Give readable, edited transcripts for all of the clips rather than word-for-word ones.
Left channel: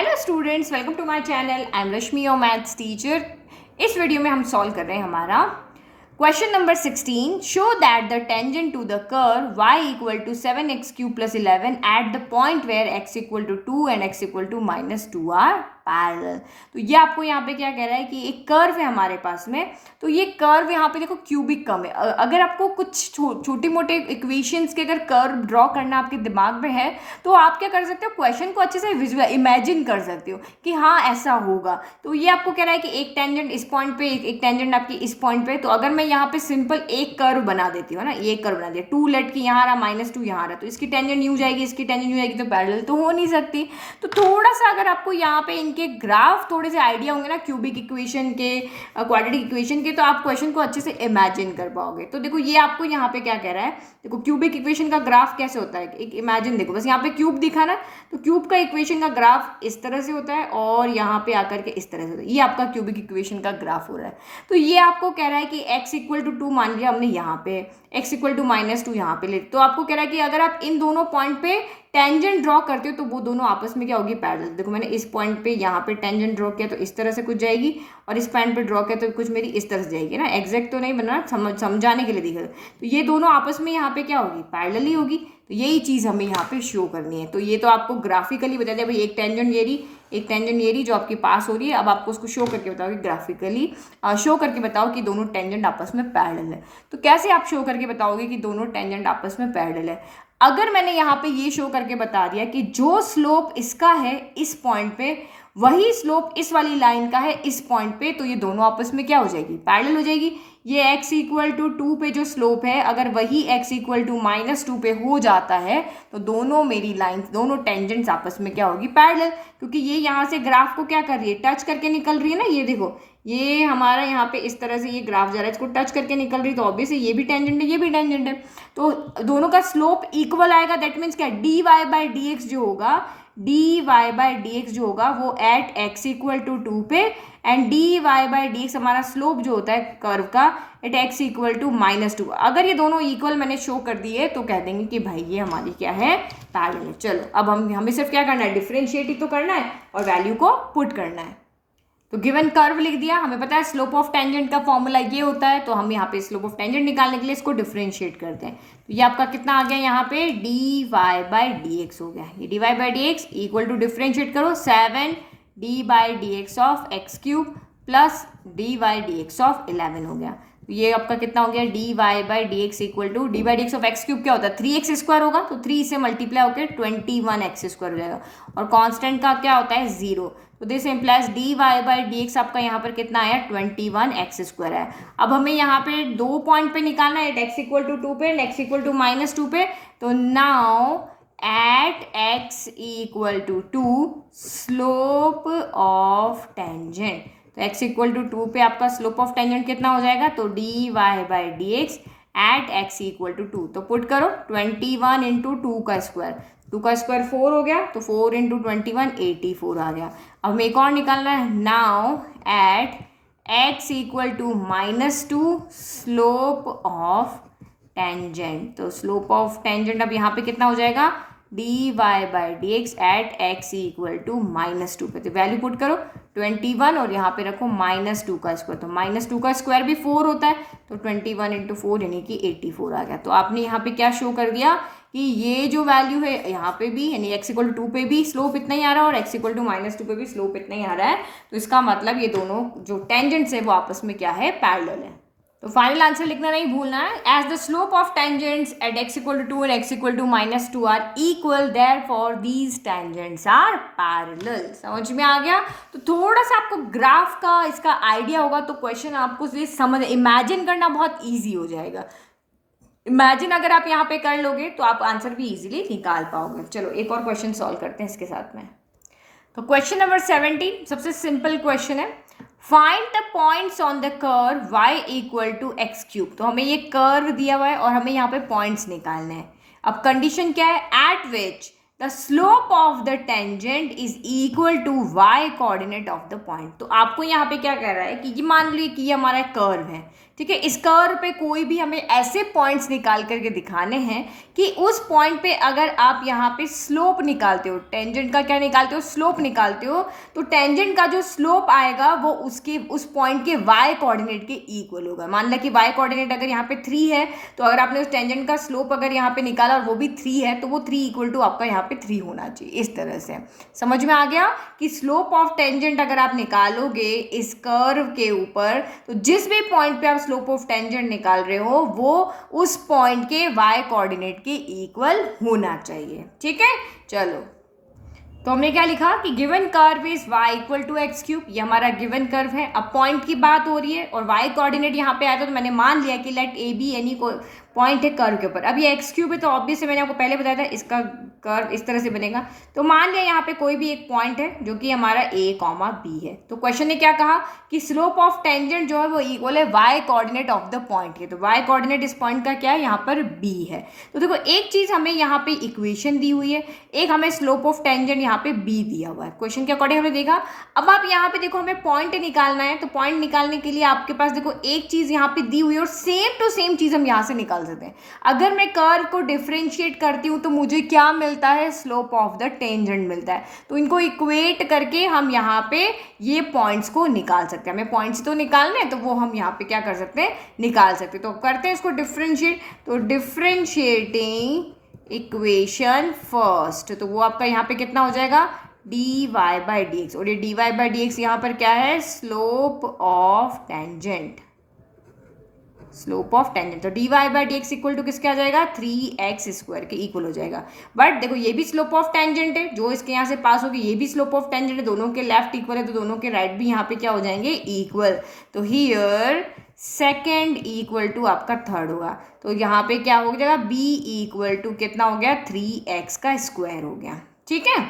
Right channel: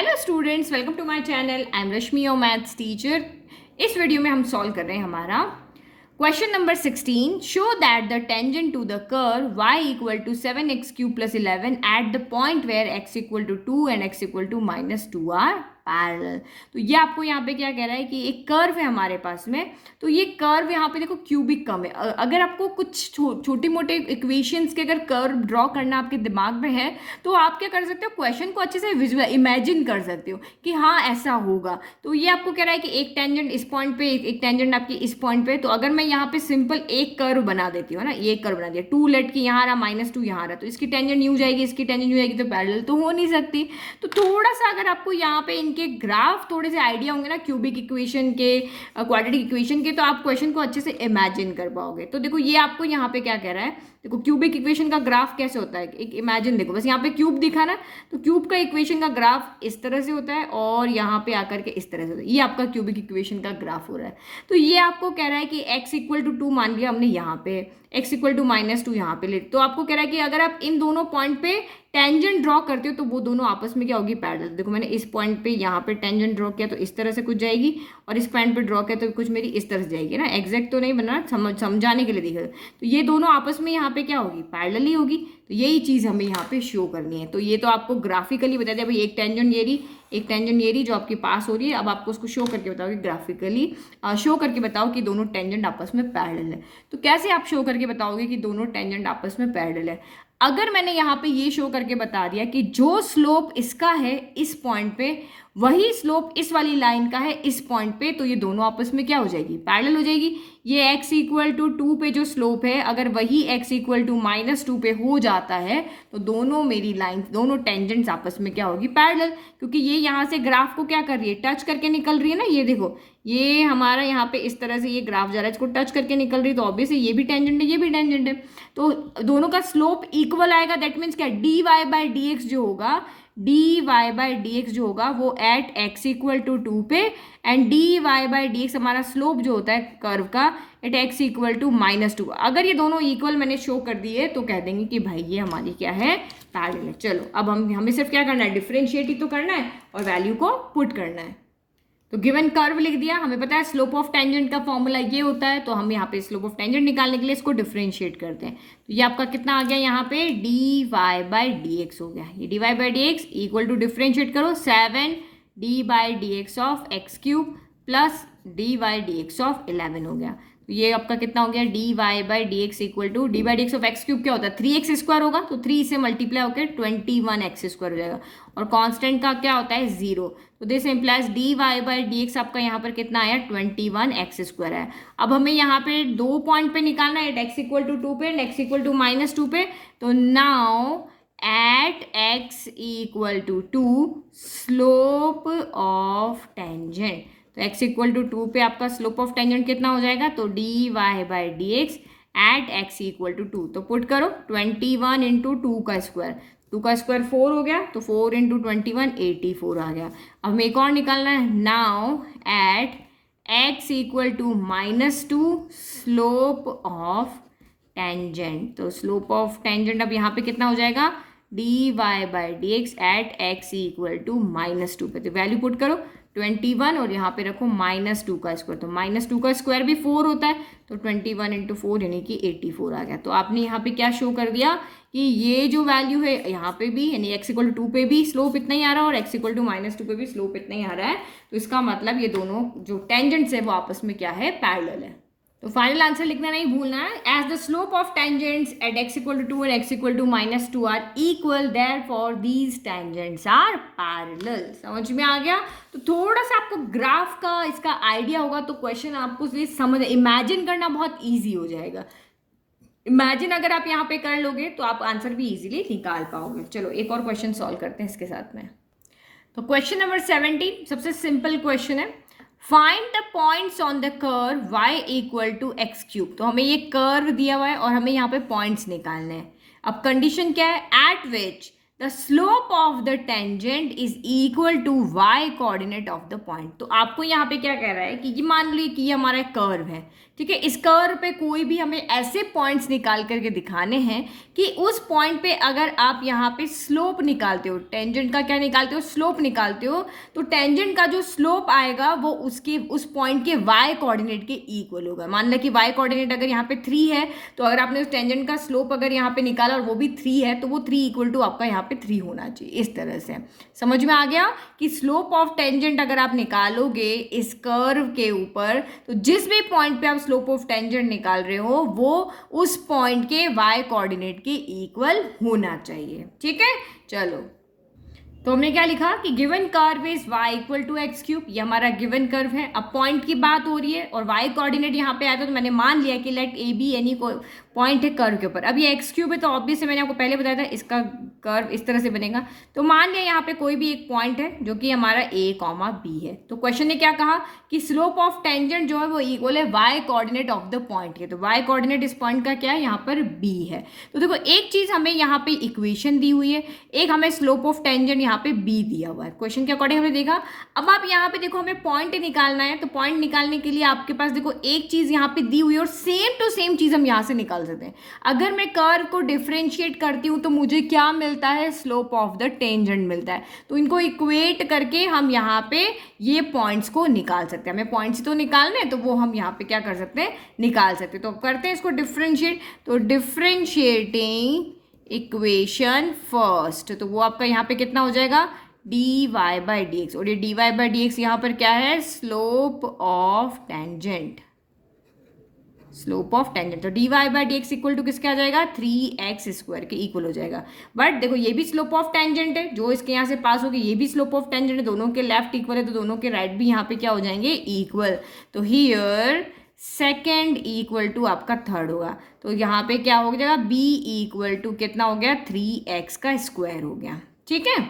Hello students, welcome to my channel. I am Rashmi, your maths teacher. इस video में हम solve कर रहे हैं हमारा question number 16। Show that the tangent to the curve y equal to 7x³ + 11 at the point where x equal to 2 and x equal to -2 are parallel. तो ये आपको यहाँ पे क्या कह रहा है कि एक कर्व है हमारे पास में, तो ये कर्व यहाँ पे देखो क्यूबिक कम है। अगर आपको कुछ छोटे मोटे इक्वेशंस के अगर कर्व ड्रॉ करना आपके दिमाग में है तो आप क्या कर सकते हो, क्वेश्चन को अच्छे से विजुअल इमेजिन कर सकते हो कि हाँ ऐसा होगा। तो ये आपको कह रहा है कि एक टेंजेंट इस पॉइंट पे, एक टेंजेंट आपकी इस पॉइंट पे। तो अगर मैं यहाँ पे सिंपल एक कर्व बना देती हूँ ना, ये कर्व बना दिया 2 लेट की, यहाँ रहा -2 यहाँ रहा, तो इसकी टेंजेंट यूं जाएगी, इसकी टेंजेंट यूं जाएगी, तो पैरेलल तो हो नहीं सकती। तो थोड़ा सा अगर आपको यहाँ पे इनके ग्राफ थोड़े से आइडिया होंगे ना क्यूबिक इक्वेशन के, क्वाड्रेटिक इक्वेशन के, तो आप क्वेश्चन को अच्छे से इमेजिन कर पाओगे। तो देखो ये आपको यहाँ पे क्या कह रहा है, देखो क्यूबिक इक्वेशन का ग्राफ कैसे होता है, एक इमेजिन देखो, बस यहाँ पे क्यूब दिखा ना, तो क्यूब का इक्वेशन का ग्राफ इस तरह से होता है और यहाँ पे आकर के इस तरह से होता है। ये आपका क्यूबिक इक्वेशन का ग्राफ हो रहा है। तो ये आपको कह रहा है कि x इक्वल टू 2 मान लिया हमने यहाँ पे, x इक्वल टू -2 यहाँ पे ले, तो आपको कह रहा है कि अगर आप इन दोनों पॉइंट पे टेंजेंट ड्रॉ करते हो तो वो दोनों आपस में क्या होगी, पैरेलल। देखो मैंने इस पॉइंट पे यहाँ पे टेंजेंट ड्रॉ किया तो इस तरह से कुछ जाएगी, और इस पॉइंट पे ड्रॉ किया तो कुछ मेरी इस तरह से जाएगी ना। एग्जैक्ट तो नहीं बना, समझाने के लिए दिखा। तो ये दोनों आपस में यहाँ पे क्या होगी, पैरेलल ही होगी। तो यही चीज़ हमें यहाँ पे शो करनी है। तो ये तो आपको ग्राफिकली बता दिया भाई, एक टेंजेंट ये रही, एक टेंजेंट ये रही जो आपके पास हो रही है। अब आपको उसको शो करके बताओ कि ग्राफिकली शो करके बताओ कि दोनों टेंजेंट आपस में पैरेलल है। तो कैसे आप शो करके बताओगे कि दोनों टेंजेंट आपस में पैरेलल है? अगर मैंने यहाँ पे ये शो करके बता दिया कि जो स्लोप इसका है इस पॉइंट पे, वही स्लोप इस वाली लाइन का है इस पॉइंट पे, तो ये दोनों आपस में क्या हो जाएगी, पैरेलल हो जाएगी। ये x इक्वल टू 2 पे जो स्लोप है, अगर वही x इक्वल टू -2 पे हो जाता है तो दोनों मेरी लाइन, दोनों टेंजेंट्स आपस में क्या होगी, पैरेलल। क्योंकि ये यहाँ से ग्राफ को क्या कर रही है, टच करके निकल रही है ना। ये देखो, ये हमारा यहाँ पे इस तरह से ये ग्राफ जा रहा है, इसको टच करके निकल रही है, तो ऑब्वियसली ये भी टेंजेंट है, ये भी टेंजेंट है। तो दोनों का स्लोप इक्वल आएगा। दैट मीन्स क्या, dy/dx जो होगा, dy/dx जो होगा वो एट x इक्वल टू 2 पे, एंड dy/dx हमारा स्लोप जो होता है कर्व का एट x इक्वल टू -2। अगर ये दोनों इक्वल मैंने शो कर दिए तो कह देंगे कि भाई ये हमारी क्या है, पैरेलल है। चलो अब हमें सिर्फ क्या करना है, डिफरेंशिएट ही तो करना है और वैल्यू को पुट करना है। तो गिवन कर्व लिख दिया, हमें पता है स्लोप ऑफ टेंजेंट का फॉर्मूला ये होता है, तो हम यहाँ पे स्लोप ऑफ टेंजेंट निकालने के लिए इसको डिफरेंशिएट करते हैं। तो ये आपका कितना आ गया यहाँ पे, dy/dx हो गया। ये dy/dx इक्वल टू डिफरेंशिएट करो 7d/dx of x³ plus dy/dx of 11 हो गया। तो ये आपका कितना हो गया, dy/dx equal to dy/dx of x³ क्या होता है, 3x² होगा, तो 3 से मल्टीप्लाई होकर 21x² हो जाएगा, और कांस्टेंट का क्या होता है, 0। तो दिस इम्प्लाइज dy/dx आपका यहाँ पर कितना आया, 21x² है। अब हमें यहाँ पे दो पॉइंट पे निकालना है, x इक्वल टू 2 पे एंड x इक्वल टू -2 पे। तो now at x equal to 2 slope of tangent, तो x इक्वल टू 2 पे आपका स्लोप ऑफ टेंजेंट कितना हो जाएगा, तो dy/dx eight x equal to 2। तो पुट करो 21 इंटू 2 का स्क्वायर, 2 का स्क्वायर 4 हो गया, तो 4 इंटू 21 84 आ गया। अब हमें एक और निकालना है, now at x equal to -2 slope of tangent. तो स्लोप ऑफ टेंजेंट अब यहाँ पे कितना हो जाएगा, dy/dx eight x equal to -2 पे। तो वैल्यू पुट करो 21 और यहाँ पे रखो -2 का स्क्वायर, तो -2 का स्क्वायर भी 4 होता है, तो 21 इंटू 4 यानी कि 84 आ गया। तो आपने यहाँ पे क्या शो कर दिया कि ये जो वैल्यू है यहाँ पे भी, यानी x इक्वल टू 2 पे भी स्लोप इतना ही आ रहा है और x इक्वल टू -2 पे भी स्लोप इतना ही आ रहा है। तो इसका मतलब ये दोनों जो टेंजेंट्स है वो आपस में क्या है, पैरेलल है। तो फाइनल आंसर लिखना नहीं भूलना है, as the slope of tangents at x equal to 2 and x equal to -2 are equal, therefore these tangents are parallel. समझ में आ गया? तो थोड़ा सा आपको ग्राफ का इसका आइडिया होगा तो क्वेश्चन आपको समझ इमेजिन करना बहुत ईजी हो जाएगा। इमेजिन अगर आप यहाँ पे कर लोगे तो आप आंसर भी इजीली निकाल पाओगे। चलो एक और क्वेश्चन सॉल्व करते हैं इसके साथ में। तो क्वेश्चन नंबर 17 सबसे सिंपल क्वेश्चन है, find the points on the curve y equal to x³। तो हमें ये कर्व दिया हुआ है और हमें यहाँ पे पॉइंट्स निकालने हैं। अब कंडीशन क्या है, at which the slope of the tangent is equal to Y coordinate of the point. तो आपको यहाँ पे क्या कह रहा है कि ये मान लीजिए कि ये हमारा कर्व है, ठीक है। इस कर्व पे कोई भी हमें ऐसे पॉइंट्स निकाल करके दिखाने हैं कि उस पॉइंट पे अगर आप यहाँ पे स्लोप निकालते हो, टेंजेंट का क्या निकालते हो, स्लोप निकालते हो, तो टेंजेंट का जो स्लोप आएगा वो उसके उस पॉइंट के वाई कोऑर्डिनेट के इक्वल होगा। मान लो कि वाई कोऑर्डिनेट अगर यहाँ पे 3 है, तो अगर आपने उस टेंजेंट का स्लोप अगर यहाँ पे निकाला और वो भी 3 है, तो वो 3 इक्वल टू आपका यहाँ पे 3 होना चाहिए। इस तरह से समझ में आ गया कि स्लोप ऑफ टेंजेंट अगर आप निकालोगे इस कर्व के ऊपर, तो जिस भी पॉइंट पे आप स्लोप ऑफ टेंजेंट निकाल रहे हो वो उस पॉइंट के वाई कोऑर्डिनेट के इक्वल होना चाहिए, ठीक है। चलो, तो हमने क्या लिखा कि given curve is y equal to X cube, ये हमारा गिवन कर्व है। अब पॉइंट की बात हो रही है और y कोऑर्डिनेट यहाँ पे आया था, तो मैंने मान लिया कि लेट ए बी एनी को पॉइंट है कर्व के ऊपर। अब ये एक्स क्यूब है तो ऑब्वियसली मैंने आपको पहले बताया था इसका कर्व इस तरह से बनेगा। तो मान लिया यहाँ पे कोई भी एक पॉइंट है जो कि हमारा a कॉमा बी है। तो क्वेश्चन ने क्या कहा कि स्लोप ऑफ टेंजेंट जो है वो इक्वल है y coordinate of the point के। तो y कोऑर्डिनेट इस पॉइंट का क्या है, यहाँ पर b है। तो देखो एक चीज हमें यहाँ पे इक्वेशन दी हुई है, एक हमें स्लोप ऑफ टेंजेंट यहाँ पे b दिया हुआ है। क्वेश्चन के अकॉर्डिंग हमने देखा। अब आप यहाँ पे देखो हमें पॉइंट निकालना है, तो पॉइंट निकालने के लिए आपके पास देखो एक चीज यहाँ पे दी हुई है और सेम टू सेम चीज हम यहाँ से निकाल सकते हैं। अगर मैं कर्व को डिफरेंशिएट करती हूँ तो मुझे क्या मिलता है, स्लोप ऑफ द टेंजेंट मिलता है। तो इनको इक्वेट करके हम यहाँ पे ये पॉइंट्स को निकाल सकते हैं। हमें पॉइंट्स तो निकालने हैं, तो वो हम यहाँ पे क्या कर सकते हैं, निकाल सकते हैं। तो करते हैं इसको डिफरेंशिएट। तो डिफरेंशिएटिंग इक्वेशन फर्स्ट, तो वो आपका यहाँ पे कितना हो जाएगा, d Y by D x. और ये d Y by D x यहाँ पर क्या है, slope of tangent, slope of tangent. तो d Y by D x equal to किसके आ जाएगा, 3x² के इक्वल हो जाएगा। बट देखो ये भी स्लोप ऑफ टेंजेंट है, जो इसके यहाँ से पास होगी ये भी स्लोप ऑफ टेंजेंट है, दोनों के लेफ्ट इक्वल है, तो दोनों के राइट भी यहाँ पे क्या हो जाएंगे, इक्वल। तो हियर सेकेंड इक्वल टू आपका थर्ड होगा। तो यहाँ पे क्या हो जाएगा, b इक्वल टू कितना हो गया, 3x² हो गया, ठीक है।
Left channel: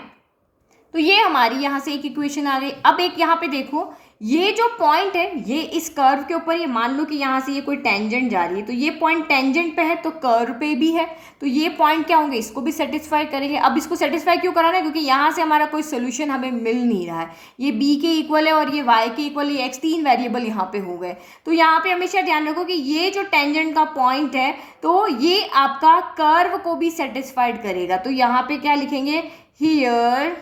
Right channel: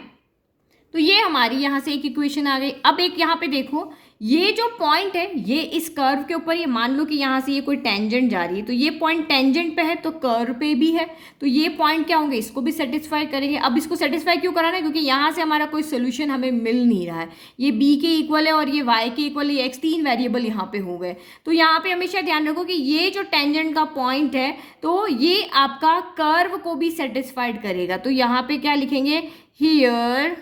तो ये हमारी यहाँ से एक इक्वेशन आ गई। अब एक यहाँ पे देखो, ये जो पॉइंट है ये इस कर्व के ऊपर, ये मान लो कि यहाँ से ये कोई टेंजेंट जा रही है, तो ये पॉइंट टेंजेंट पे है तो कर्व पे भी है, तो ये पॉइंट क्या होंगे, इसको भी सेटिस्फाई करेंगे। अब इसको सेटिस्फाई क्यों कराना है, क्योंकि यहाँ से हमारा कोई सोल्यूशन हमें मिल नहीं रहा है। ये b के इक्वल है और ये y के इक्वल, ये x 3 वेरिएबल यहाँ पे हो गए। तो यहाँ पे हमेशा ध्यान रखो कि ये जो टेंजेंट का पॉइंट है तो ये आपका कर्व को भी सेटिस्फाइड करेगा। तो यहाँ पे क्या लिखेंगे, here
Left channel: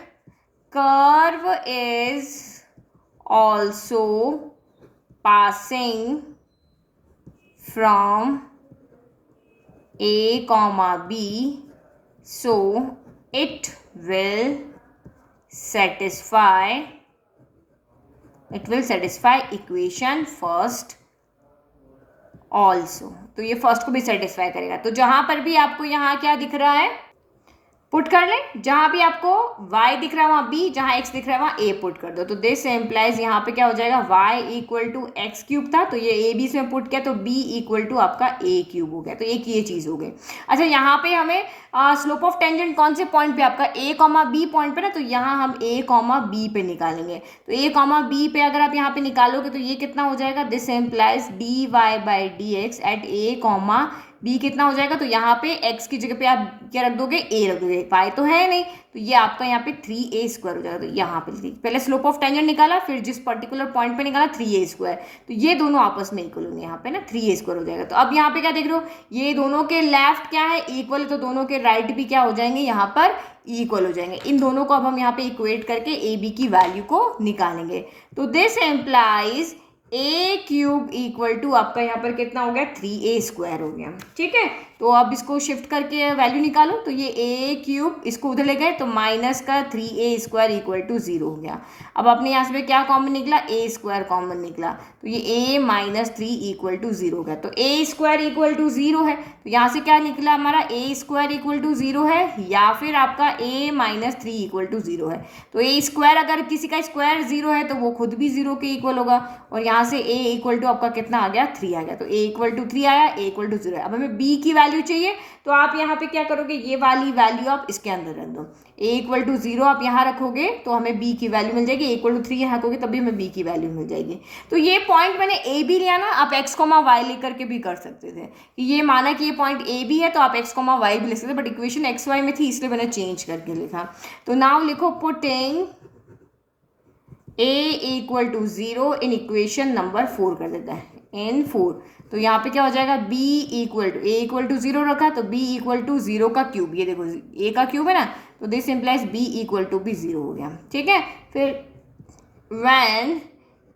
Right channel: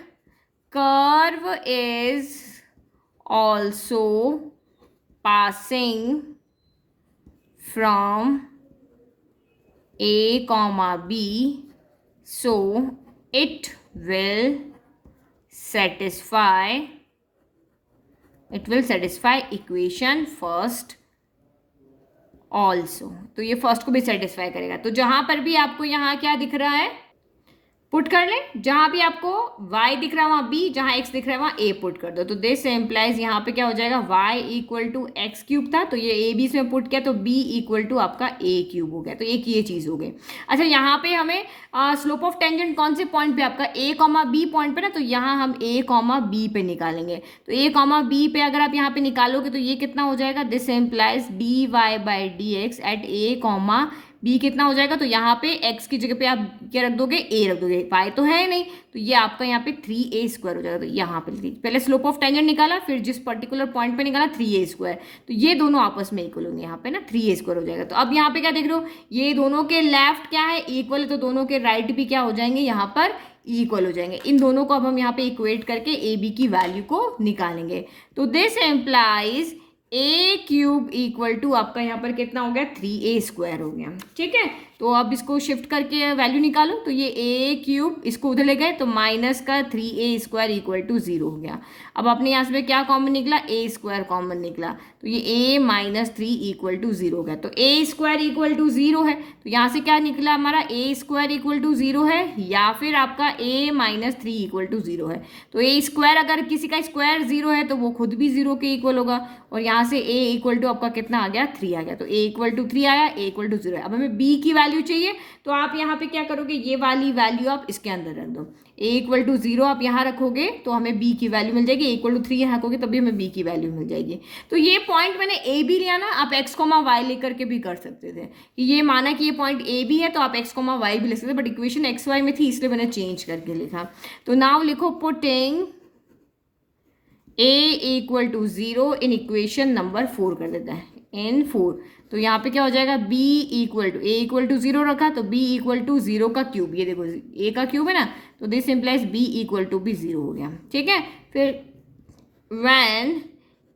curve is also passing from a comma b, so it will satisfy equation first also। तो ये फर्स्ट को भी सेटिस्फाई करेगा। तो जहां पर भी आपको यहाँ क्या दिख रहा है, पुट कर लें। जहां भी आपको y दिख रहा है वहां b, जहां x दिख रहा है वहां a पुट कर दो। तो दिस एम्प्लाइज यहाँ पे क्या हो जाएगा, y equal to X cube था, तो ये a b इसमें पुट किया तो b इक्वल टू आपका a क्यूब हो गया। तो एक ये चीज़ हो गई। अच्छा, यहाँ पे हमें स्लोप ऑफ टेंजेंट कौन से पॉइंट पे, आपका a कॉमा b पॉइंट पे ना, तो यहाँ हम a कॉमा b पे निकालेंगे। तो a कॉमा b पे अगर आप यहाँ पे निकालोगे तो ये कितना हो जाएगा, this implies D Y by D X at a comma b कितना हो जाएगा। तो यहाँ पे x की जगह पे आप क्या रख दोगे, a रख दोगे, y तो है नहीं, तो ये आपका यहाँ पे 3a² हो जाएगा। तो यहाँ पे पहले स्लोप ऑफ टेंजेंट निकाला, फिर जिस पर्टिकुलर पॉइंट पे निकाला 3a², तो ये दोनों आपस में इक्वल होंगे, यहाँ पे ना 3a² हो जाएगा। तो अब यहाँ पे क्या देख रहे हो, ये दोनों के लेफ्ट क्या है, इक्वल है, तो दोनों के राइट भी क्या हो जाएंगे, यहाँ पर इक्वल हो जाएंगे। इन दोनों को अब हम यहाँ पे इक्वेट करके ए बी की वैल्यू को निकालेंगे। तो this implies a cube equal to आपका यहाँ पर कितना हो गया, 3a² हो गया, ठीक है। तो अब इसको शिफ्ट करके वैल्यू निकालो, तो ये a क्यूब इसको उधर ले गए तो माइनस का 3a² इक्वल टू 0 हो गया। अब आपने यहाँ से क्या कॉमन निकला, a² कॉमन निकला, तो ये a माइनस 3 इक्वल टू 0 हो गया। तो a² इक्वल टू 0 है, तो यहाँ से क्या निकला हमारा, a² इक्वल टू 0 है या फिर आपका a माइनस 3 इक्वल टू 0 है। तो a² अगर किसी का स्क्वायर 0 है तो वो खुद भी 0 के इक्वल होगा, और यहाँ से a इक्वल टू आपका कितना आ गया, 3 आ गया। तो a इक्वल टू 3 आया, a इक्वल टू 0 है। अब हमें b की वैल्यू वैल्यू चाहिए तो आप यहाँ पे क्या करोगे, ये वाली वैल्यू आप इसके अंदर रख दो। a इक्वल टू 0 आप यहाँ रखोगे तो हमें b की वैल्यू मिल जाएगी, a इक्वल टू 3 यहाँ रखोगे तभी हमें b की वैल्यू मिल जाएगी। तो ये पॉइंट मैंने a भी लिया ना, आप x y लेकर के भी कर सकते थे कि ये माना कि ये पॉइंट a भी है तो आप x y भी लिख सकते, बट इक्वेशन x y में थी इसलिए मैंने चेंज करके लिखा। तो नाउ लिखो putting a equal to 0 in equation number 4 कर देता है इन 4। तो यहाँ पे क्या हो जाएगा, b equal to a equal to 0 रखा तो b इक्वल टू 0 का क्यूब, ये देखो a का क्यूब है ना, तो this implies b equal to भी 0 हो गया। ठीक है, फिर व्हेन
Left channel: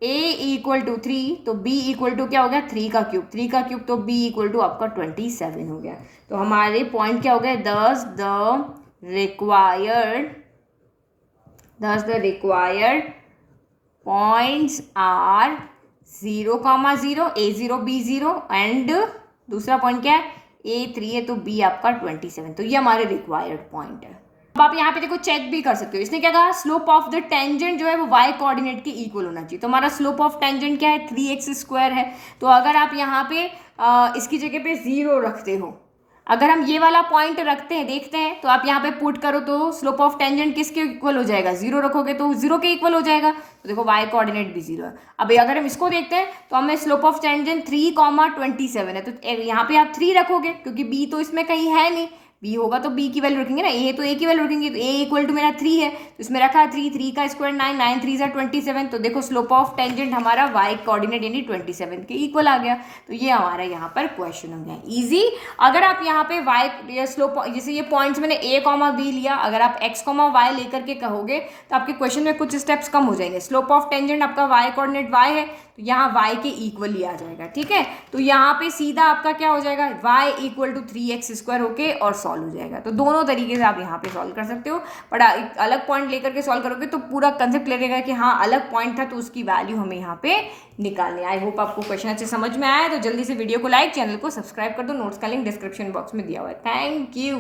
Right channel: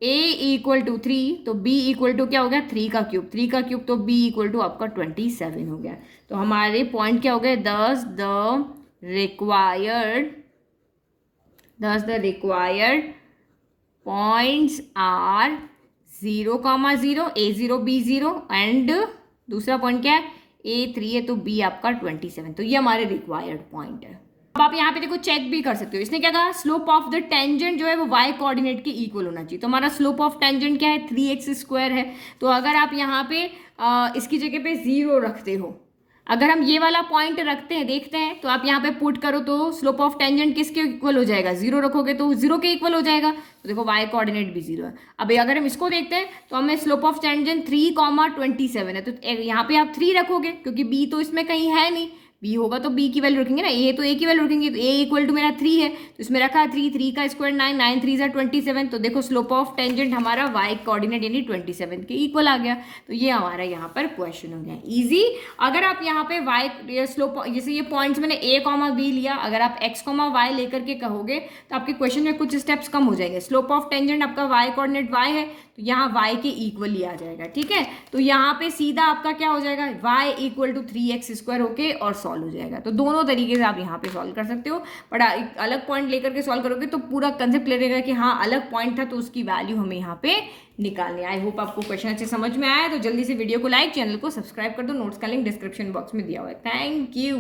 a इक्वल टू 3 तो b इक्वल टू क्या हो गया, 3 का क्यूब, 3 का क्यूब तो b इक्वल टू आपका 27 हो गया। तो हमारे पॉइंट क्या हो गए, thus the required points are 0, 0 a0 b0 and दूसरा पॉइंट क्या है a3 है तो b आपका 27। तो ये हमारे रिक्वायर्ड पॉइंट है। अब आप यहाँ पे देखो चेक भी कर सकते हो, इसने क्या कहा, स्लोप ऑफ द टेंजेंट जो है वो y कोऑर्डिनेट के इक्वल होना चाहिए। तो हमारा स्लोप ऑफ टेंजेंट क्या है, 3x² है। तो अगर आप यहाँ पे इसकी जगह पे 0 रखते हो, अगर हम ये वाला पॉइंट रखते हैं, देखते हैं, तो आप यहाँ पे पुट करो तो स्लोप ऑफ टेंजेंट किसके इक्वल हो जाएगा, 0 रखोगे तो 0 के इक्वल हो जाएगा। तो देखो y कोऑर्डिनेट भी 0 है। अब अगर हम इसको देखते हैं तो हमें स्लोप ऑफ टेंजेंट 3,27 है, तो यहाँ पे आप 3 रखोगे क्योंकि b तो इसमें कहीं है नहीं, b होगा तो b की वैल्यू रखेंगे ना, a तो a की वैल्यू रखेंगे। तो a इक्वल टू मेरा 3 है तो इसमें रखा है 3 का स्क्वायर 9, 9 3 27। तो देखो स्लोप ऑफ टेंजेंट हमारा y कोऑर्डिनेट यानी 27 के इक्वल आ गया। तो ये हमारा यहाँ पर क्वेश्चन हो गया इजी। अगर आप यहाँ पे y स्लोप, जैसे ये पॉइंट्स मैंने a, b लिया, अगर आप x, y लेकर के कहोगे तो आपके क्वेश्चन में कुछ स्टेप्स कम हो जाएंगे। स्लोप ऑफ टेंजेंट आपका y कोऑर्डिनेट y है तो यहाँ y के इक्वल ही आ जाएगा। ठीक है, तो यहाँ पे सीधा आपका क्या हो जाएगा, y इक्वल टू 3x² होके और सॉल्व हो जाएगा। तो दोनों तरीके से आप यहाँ पे सॉल्व कर सकते हो, बट एक अलग पॉइंट लेकर के सॉल्व करोगे तो पूरा कंसेप्ट लगेगा कि हाँ अलग पॉइंट था तो उसकी वैल्यू हमें यहाँ पे निकालनी। आई होप आपको क्वेश्चन अच्छे समझ में आया। तो जल्दी से वीडियो को लाइक, चैनल को सब्सक्राइब कर दो, नोट्स का लिंक डिस्क्रिप्शन बॉक्स में दिया हुआ है। Thank you.